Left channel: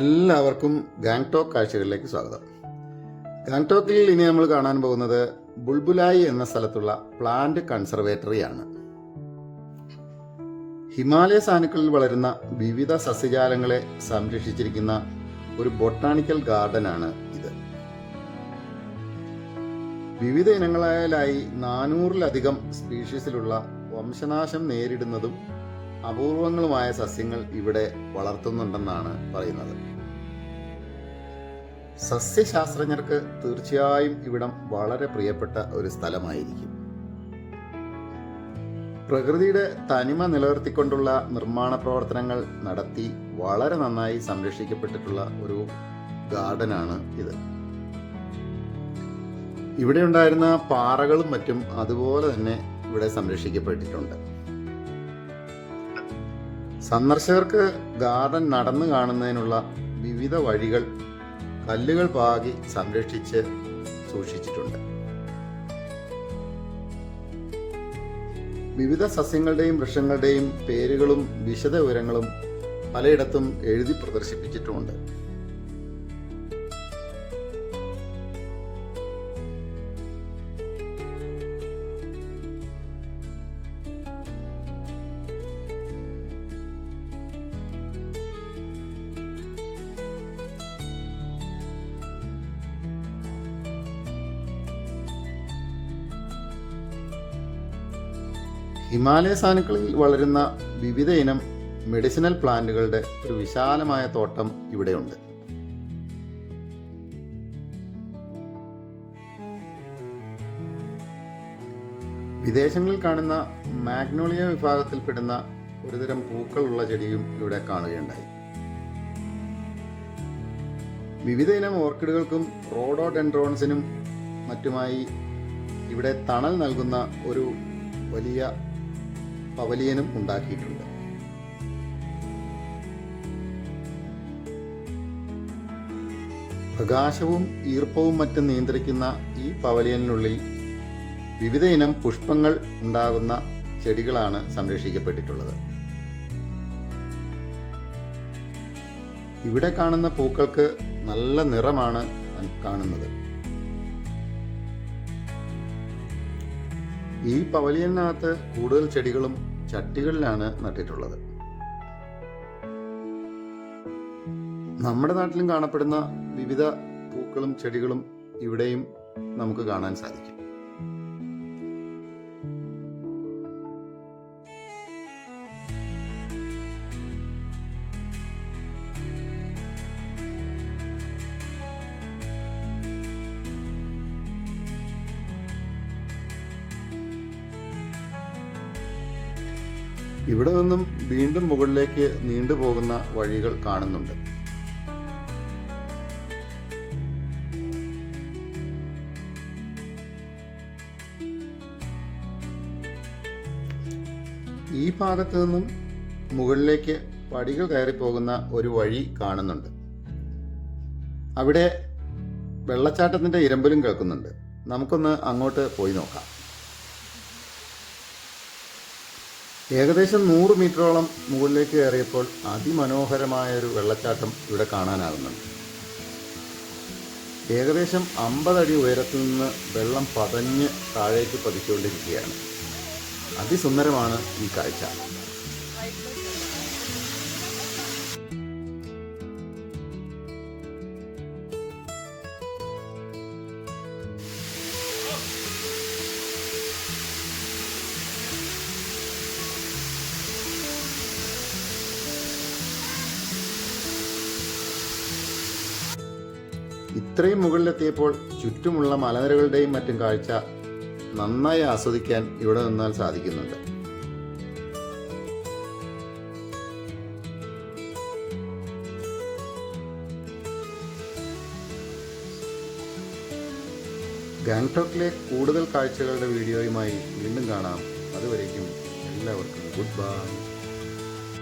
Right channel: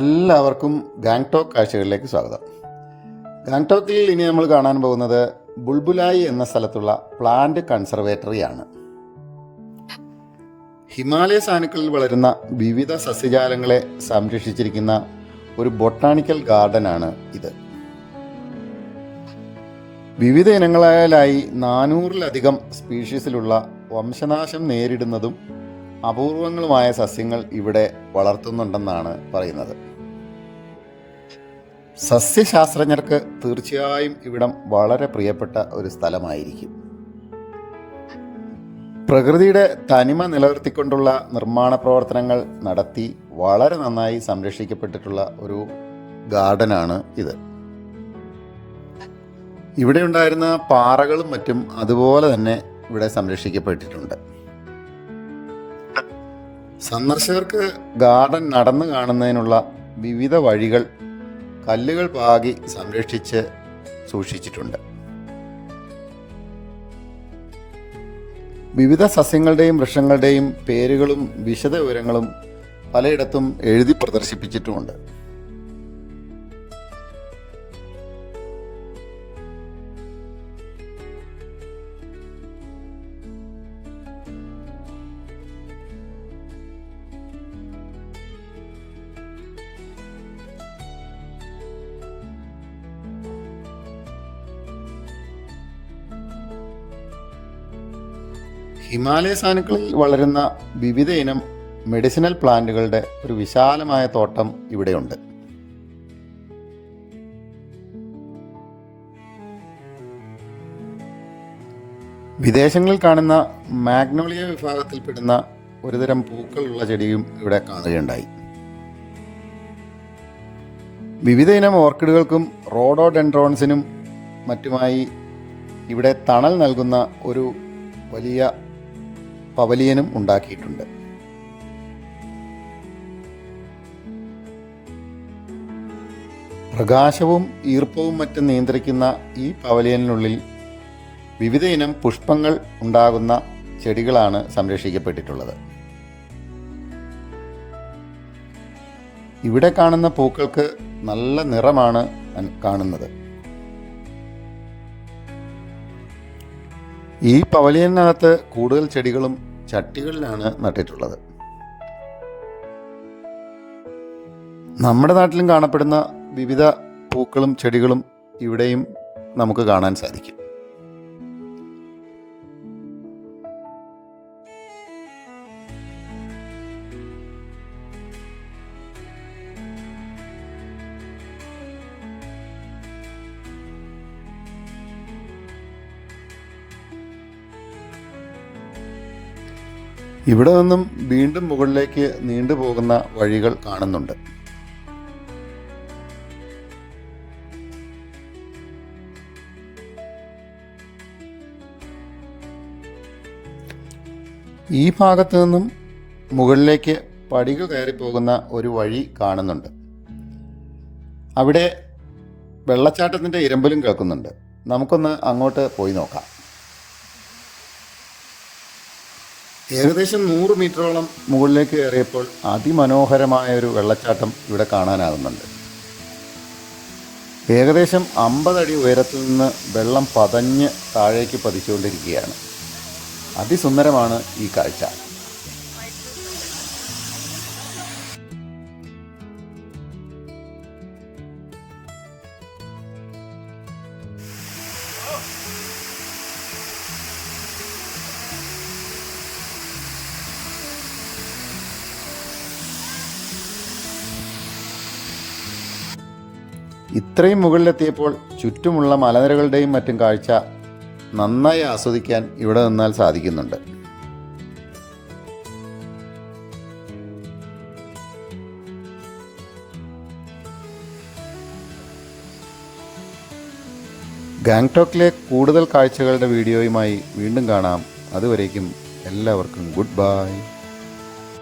എല്ലാവർക്കും ഗാങ്ടോക്ക് കാഴ്ചകളിലേക്ക് സ്വാഗതം. ഗാങ്ടോക്കിൽ ഇനി നമ്മൾ കാണാൻ പോകുന്നത് ബുൾബുലായി എന്ന സ്ഥലത്തുള്ള പ്ലാന്റ് കൺസർവേറ്ററിയാണ്. ഹിമാലയ സാനുക്കളിൽ വളരുന്ന വിവിധ സസ്യജാലങ്ങളെ സംരക്ഷിച്ചിരിക്കുന്ന ഒരു ബൊട്ടാണിക്കൽ ഗാർഡനാണ് ഇത്. വിവിധ ഇനങ്ങളായാലായി 400-ലധികം സ്പീഷീസിലുള്ള വംശനാശം നേരിടുന്നതും അപൂർവങ്ങളുമായ സസ്യങ്ങൾ ഇവിടെ വളർത്തുന്നുണ്ടെന്നാണ് പറയുന്നത്. സസ്യശാസ്ത്രജ്ഞർക്ക് തീർച്ചയായും ഇവിടം വളരെ പ്രിയപ്പെട്ട ഒരു സ്ഥലമായിരിക്കും. പ്രകൃതിയുടെ തനിമ നിലനിർത്തിക്കൊണ്ടുള്ള നിർമ്മാണ പ്രവർത്തനങ്ങൾ നടത്തി വളരെ നന്നായി സംരക്ഷിക്കപ്പെട്ടിട്ടുള്ള ഒരു ഗാർഡനാണ് ഇത്. ഇവിടെ ഉണ്ടായിരുന്ന പാറകളും മറ്റും അതുപോലെ തന്നെ ഇവിടെ സംരക്ഷിക്കപ്പെട്ടിട്ടുണ്ട്. സന്ദർശകർക്ക് ഗാർഡൻ നടന്നു കാണുന്നതിനുള്ള വിവിധ വഴികൾ കല്ലുകൾ പാകി സംരക്ഷിച്ച് സൂക്ഷിച്ചിട്ടുണ്ട്. വിവിധ സസ്യങ്ങളുടെയും വൃക്ഷങ്ങളുടെയും പേരുകളും വിശദ വിവരങ്ങളും പലയിടത്തും എഴുതി പ്രദർശിപ്പിച്ചിട്ടുമുണ്ട്. ഹിമാലയ സാനുക്കളിൽ വളരുന്ന വിവിധ ഇനം മെഡിസിനൽ പ്ലാന്റുകളുടെ ഒരു വിശാലമായ തോട്ടം ഇവിടെയുണ്ട്. വിദേശങ്ങളിൽ കാണുന്ന മാഗ്നോളിയ വിഭാഗത്തിൽപ്പെടുന്ന ഒരുതരം പൂക്കളുള്ള ചെടിയും ഇവിടെ കാണുകയുണ്ടായി. വിവിധ ഇനം ഓർക്കിഡുകൾക്കും റോഡോഡെൻഡ്രോൺസിനും മറ്റുമായി ഇവിടെ തണൽ നൽകുന്ന ഒരു വലിയ പവലിയനും ഉണ്ടാക്കിയിട്ടുണ്ട്. പ്രകാശവും ഈർപ്പവും മറ്റും നിയന്ത്രിക്കുന്ന ഈ പവലിയനിനുള്ളിൽ വിവിധ ഇനം പുഷ്പങ്ങൾ ഉണ്ടാകുന്ന ചെടികളാണ് സംരക്ഷിക്കപ്പെട്ടിട്ടുള്ളത്. ഇവിടെ കാണുന്ന പൂക്കൾക്ക് നല്ല നിറമാണ് കാണുന്നത്. ഈ പവലിയനകത്ത് കൂടുതൽ ചെടികളും ചട്ടികളിലാണ് നട്ടിട്ടുള്ളത്. നമ്മുടെ നാട്ടിലും കാണപ്പെടുന്ന വിവിധ പൂക്കളും ചെടികളും ഇവിടെയും നമുക്ക് കാണാൻ സാധിക്കും. ഇവിടെ നിന്നും വീണ്ടും മുകളിലേക്ക് നീണ്ടുപോകുന്ന വഴികൾ കാണുന്നുണ്ട്. ഈ ഭാഗത്തു നിന്നും മുകളിലേക്ക് പടികൾ കയറി പോകുന്ന ഒരു വഴി കാണുന്നുണ്ട്. അവിടെ വെള്ളച്ചാട്ടത്തിൻ്റെ ഇരമ്പലും കേൾക്കുന്നുണ്ട്. നമുക്കൊന്ന് അങ്ങോട്ട് പോയി നോക്കാം. ഏകദേശം 100 മീറ്ററോളം മുകളിലേക്ക് കയറിയപ്പോൾ അതിമനോഹരമായൊരു വെള്ളച്ചാട്ടം ഇവിടെ കാണാനാകുന്നുണ്ട്. ഏകദേശം 50 അടി ഉയരത്തിൽ നിന്ന് വെള്ളം പതഞ്ഞ് താഴേക്ക് പതിച്ചുകൊണ്ടിരിക്കുകയാണ്. അതിസുന്ദരമാണ് ഈ കാഴ്ച. ഇത്രയും മുകളിലെത്തിയപ്പോൾ ചുറ്റുമുള്ള മലനിരകളുടെയും മറ്റും കാഴ്ച നന്നായി ആസ്വദിക്കാൻ ഇവിടെ നിന്നാൽ സാധിക്കുന്നുണ്ട്. ഗാങ്ടോക്കിലെ കൂടുതൽ കാഴ്ചകളുടെ വീഡിയോയുമായി വീണ്ടും കാണാം. അതുവരേക്കും എല്ലാവർക്കും ഗുഡ് ബൈ.